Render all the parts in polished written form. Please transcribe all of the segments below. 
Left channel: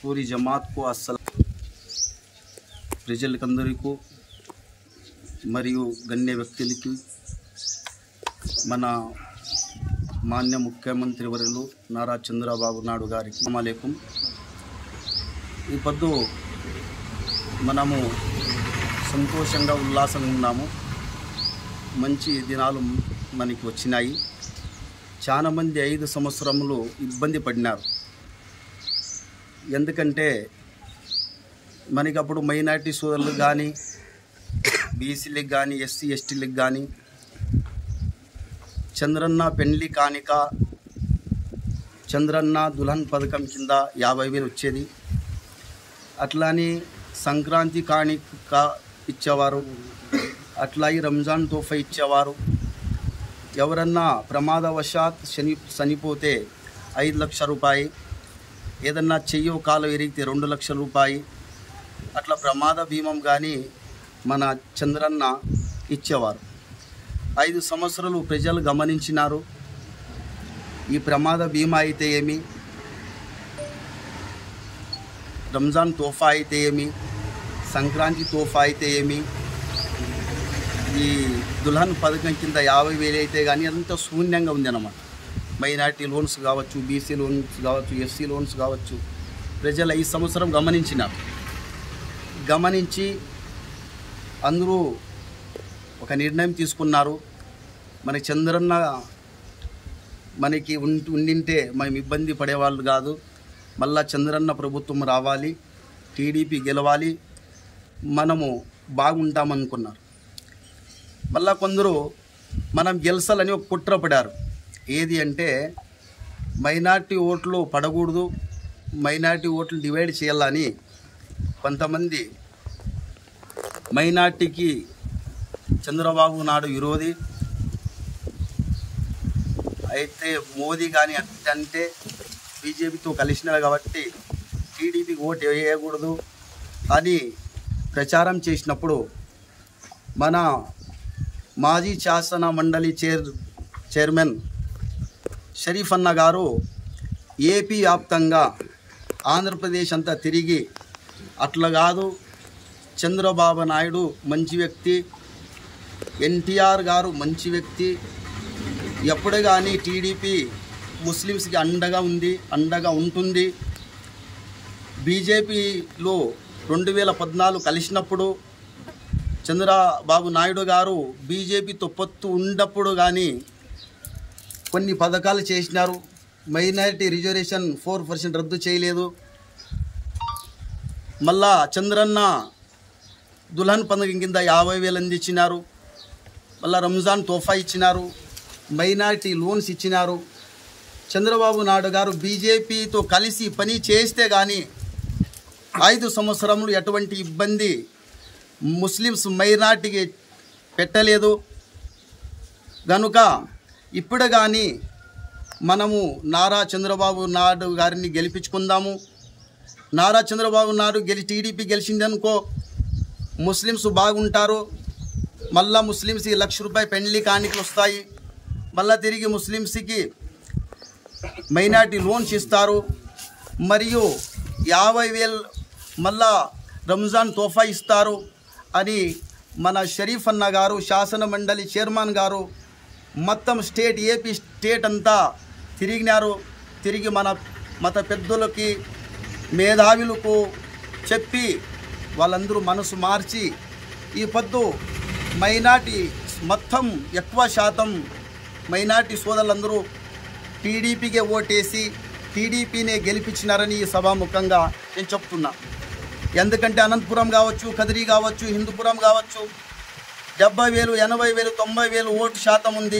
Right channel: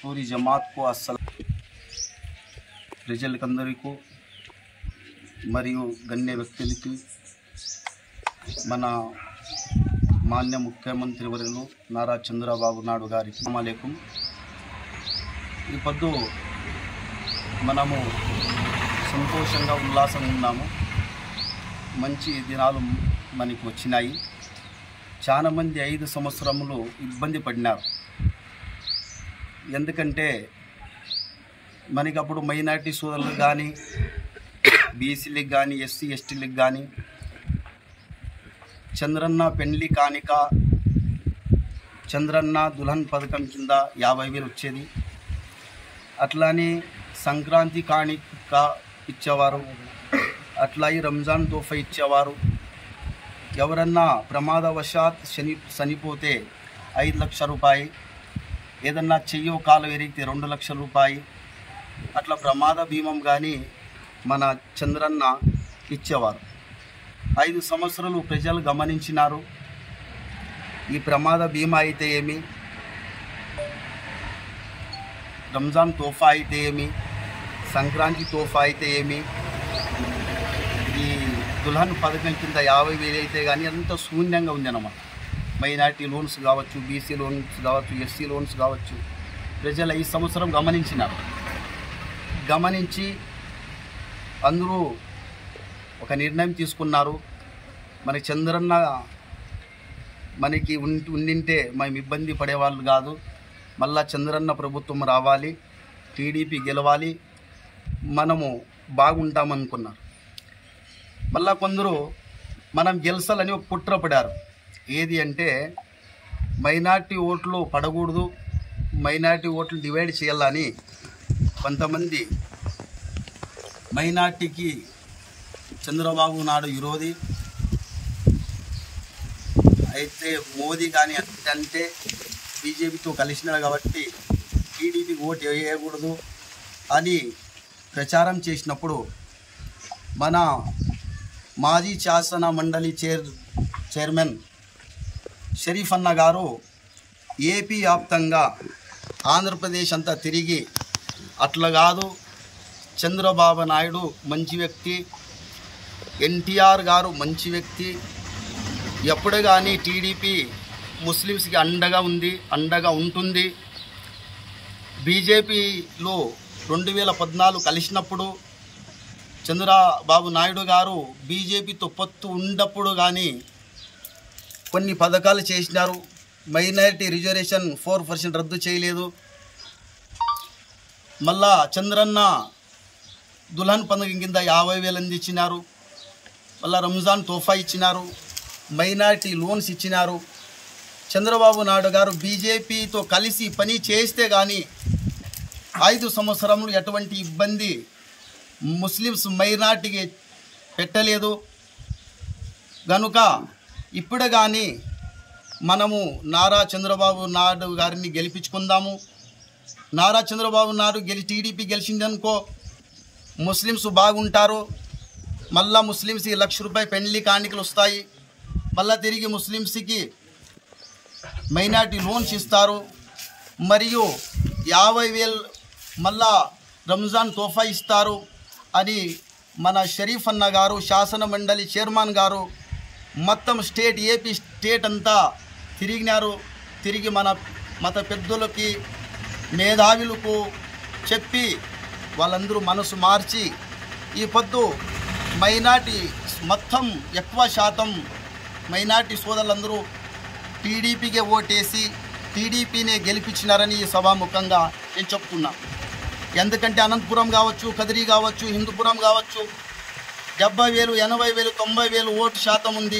पूरी जमात को अस्सलाम ప్రజలకందరికీ మరియు గణ్య వ్యక్తులకి మన మాన్య ముఖ్యమంత్రి వర్యులు నారా చంద్రబాబు నాయుడు గారికి అస్సలాముఅలైకుం। ఈ పొద్దు మనము సంతోషంగా ఉల్లాసంగా ఉన్నాము। మంచి దినాలు మనకి వచ్చినాయి। చాలా మంది 5 సంవత్సరములు ఇబ్బంది పడినారు। ఎందుకంటే మనకి అప్పుడు మైనారిటీ సోదరులకు కానీ బీసీలకు కానీ ఎస్సీ ఎస్టీలకు కానీ చంద్రన్న పెండ్లి కానిక చంద్రన్న దుల్హన్ పథకం కింద 50,000 వచ్చేది। అట్లానే సంక్రాంతి కానిక ఇచ్చేవారు, అట్లాగే రంజాన్ తోఫా ఇచ్చేవారు। ఎవరన్నా ప్రమాదవశాత్ చనిపోతే 5 లక్షల రూపాయలు, ఏదన్నా చెయ్యో కాలు విరిగితే 2 లక్షల రూపాయలు, అట్లా ప్రమాద బీమం కానీ మన చంద్రన్న ఇచ్చేవారు। 5 సంవత్సరాలు ప్రజలు గమనించినారు। ఈ ప్రమాద బీమా అయితే ఏమి, రంజాన్ తోఫా అయితే ఏమి, సంక్రాంతి తోఫా అయితే ఏమి, ఈ దుల్హన్ పథకం కింద 50,000 అయితే కానీ అంత శూన్యంగా ఉందన్నమాట। మైనారిటీ లోన్స్ కావచ్చు, బీసీ లోన్స్ కావచ్చు, ఎస్సీ లోన్స్ కావచ్చు, ప్రజలు 5 సంవత్సరం గమనించినారు। గమనించి అందరూ ఒక నిర్ణయం తీసుకున్నారు। మనకి చంద్రన్న మనకి ఉండింటే మేము ఇబ్బంది పడేవాళ్ళు కాదు, మళ్ళా చంద్రన్న ప్రభుత్వం రావాలి, టీడీపీ గెలవాలి, మనము బాగుంటామనుకున్నారు। మళ్ళా కొందరు మనం గెలిచాలని ఒక కుట్ర పడారు। ఏది అంటే మైనారిటీ ఓట్లు పడకూడదు, మైనారిటీ ఓట్లు డివైడ్ చేయాలని కొంతమంది మైనార్టీకి చంద్రబాబు నాయుడు విరోధి అయితే మోదీ కానీ అంటే బీజేపీతో కలిసినాడు కాబట్టి టీడీపీకి ఓటు వేయకూడదు అని ప్రచారం చేసినప్పుడు మన మాజీ శాసన మండలి చైర్మన్ షరీఫ్ అన్న గారు ఏపీ వ్యాప్తంగా ఆంధ్రప్రదేశ్ అంతా తిరిగి అట్లా కాదు, చంద్రబాబు నాయుడు మంచి వ్యక్తి, ఎన్టీఆర్ గారు మంచి వ్యక్తి, ఎప్పుడు కానీ టీడీపీ ముస్లిమ్స్కి అండగా ఉంది, అండగా ఉంటుంది। బీజేపీలో 2014 కలిసినప్పుడు చంద్రబాబు నాయుడు గారు బీజేపీతో పొత్తు ఉన్నప్పుడు కానీ కొన్ని పథకాలు చేసినారు। మైనారిటీ రిజర్వేషన్ 4% రద్దు చేయలేదు। మళ్ళా చంద్రన్న దుల్హన్ పథకం కింద 50,000 అందించినారు। మళ్ళా రంజాన్ తోఫా ఇచ్చినారు, మైనారిటీ లోన్స్ ఇచ్చినారు। చంద్రబాబు నాయుడు గారు బీజేపీతో కలిసి పని చేస్తే కానీ 5 సంవత్సరములు ఎటువంటి ఇబ్బంది ముస్లిమ్స్ మైనారిటీకి పెట్టలేదు గనుక ఇప్పుడు కానీ మనము నారా చంద్రబాబు నాయుడు గారిని గెలిపించుకుందాము। నారా చంద్రబాబు నాయుడు టీడీపీ గెలిచిందనుకో ముస్లిమ్స్ బాగుంటారు, మళ్ళా ముస్లిమ్స్కి 1 లక్ష రూపాయలు పెండ్లి కానికలు వస్తాయి, మళ్ళా తిరిగి ముస్లిమ్స్కి మైనారిటీ లోన్స్ ఇస్తారు, మరియు 50,000 మళ్ళా రంజాన్ తోఫా ఇస్తారు అని మన షరీఫ్ అన్న గారు శాసన మండలి చైర్మన్ గారు మొత్తం ఏపీ స్టేట్ అంతా తిరిగినారు। తిరిగి మన మత పెద్దలకి మేధావులకు చెప్పి వాళ్ళందరూ మనసు మార్చి ఈ పొద్దు మైనారిటీ మొత్తం ఎక్కువ శాతం మైనారిటీ సోదరులందరూ టీడీపీకే ఓటేసి టీడీపీనే గెలిపించినారని ఈ సభాముఖంగా నేను చెప్తున్నా। ఎందుకంటే అనంతపురం కావచ్చు, కదిరి కావచ్చు, హిందూపురం కావచ్చు 70,000, 80,000, 90,000 ఓటు శాతం ఉంది,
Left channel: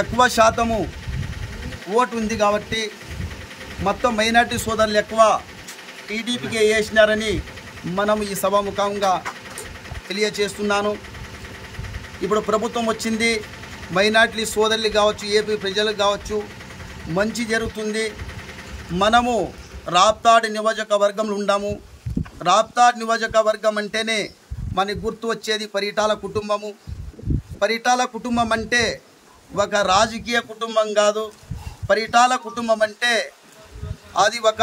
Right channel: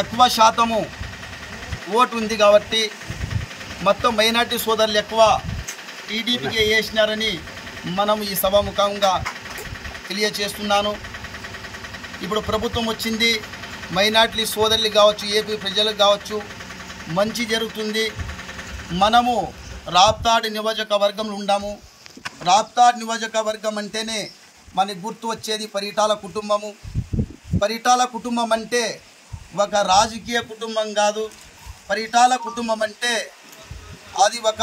ఎక్కువ శాతము ఓటు ఉంది కాబట్టి మొత్తం మైనారిటీ సోదరులు ఎక్కువ టీడీపీకే వేసినారని మనం ఈ సభాముఖంగా తెలియచేస్తున్నాను। ఇప్పుడు ప్రభుత్వం వచ్చింది, మైనారిటీ సోదరులు కావచ్చు, ఏపీ ప్రజలకు కావచ్చు మంచి జరుగుతుంది। మనము రాప్తాడ్ నియోజకవర్గంలో ఉన్నాము। రాప్తాడ్ నియోజకవర్గం అంటేనే మనకు గుర్తు వచ్చేది పరిటాల కుటుంబము। పరిటాల కుటుంబం అంటే ఒక రాజకీయ కుటుంబం కాదు, పరిటాల కుటుంబం అంటే అది ఒక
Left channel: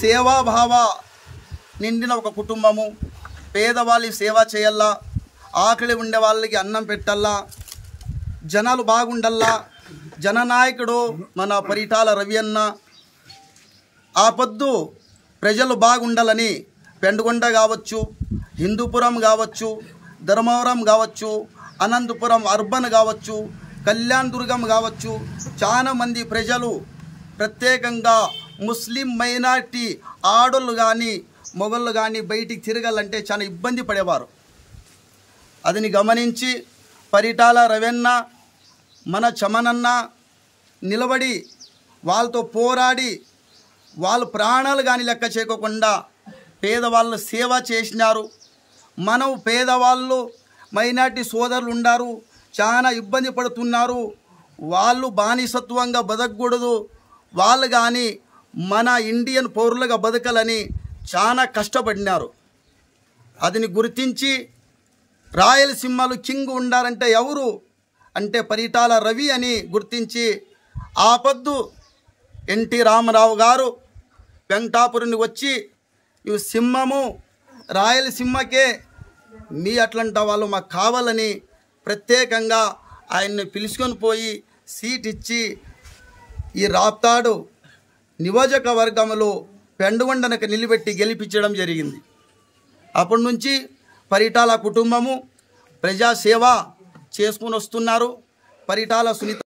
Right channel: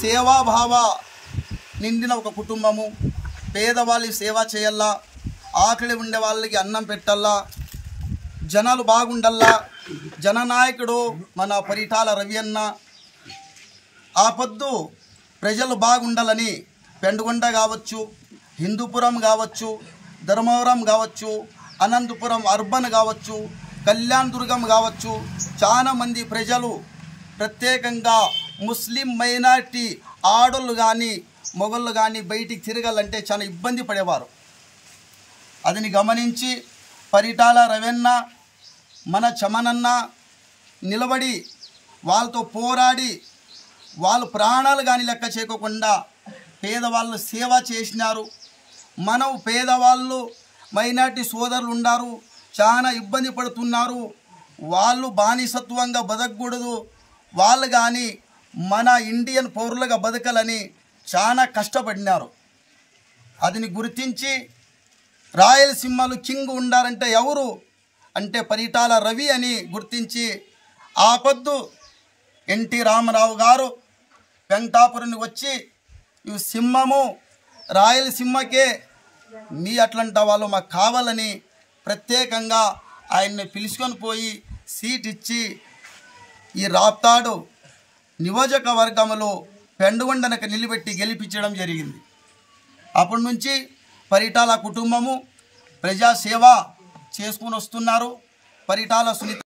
సేవాభావ నిండిన ఒక కుటుంబము. పేదవాళ్ళకి సేవ చేయాలా, ఆకలి ఉండే వాళ్ళకి అన్నం పెట్టాలా, జనాలు బాగుండల్లా. జననాయకుడు మన పరిటాల రవి అన్న. ఆ పొద్దు ప్రజలు బాగుండాలని పెండుగొండ కావచ్చు, హిందూపురం కావచ్చు, ధర్మవరం కావచ్చు, అనంతపురం అర్బన్ కావచ్చు, కళ్యాణ్ దుర్గం కావచ్చు, చాలా మంది ప్రజలు ప్రత్యేకంగా ముస్లిం మైనారిటీ ఆడోళ్ళు కానీ మొగళ్ళు కానీ బయటికి తిరగాలంటే చాలా ఇబ్బంది పడేవారు. అదిని గమనించి పరిటాల రవెన్న మన చమనన్న నిలబడి వాళ్ళతో పోరాడి వాళ్ళ ప్రాణాలు కానీ లెక్క చేయకుండా పేదవాళ్ళు సేవ చేసినారు. మనం పేదవాళ్ళు మైనారిటీ సోదరులు ఉన్నారు, చాలా ఇబ్బంది పడుతున్నారు. వాళ్ళు బానిసత్వంగా బతకూడదు, వాళ్ళు కానీ మన ఇండియన్ పౌరులుగా బతకాలని చాలా కష్టపడినారు. అదిని గుర్తించి రాయలసీమలో కింగ్ ఉండారంటే ఎవరు అంటే పరిటాల రవి అని గుర్తించి ఆ పొద్దు ఎన్టీ రామారావు గారు వెంకటాపురం వచ్చి ఇవి సింహము రాయలసీమకే, మీ అట్లాంటి వాళ్ళు మాకు కావాలని ప్రత్యేకంగా ఆయన్ని పిలుచుకొని పోయి సీట్ ఇచ్చి ఈ రాప్తాడు నియోజకవర్గంలో పెండుగొండనకు నిలబెట్టి గెలిపించడం జరిగింది. అప్పటి నుంచి పరిటాల కుటుంబము ప్రజాసేవ చేసుకుని వస్తున్నారు. పరిటాల సునీత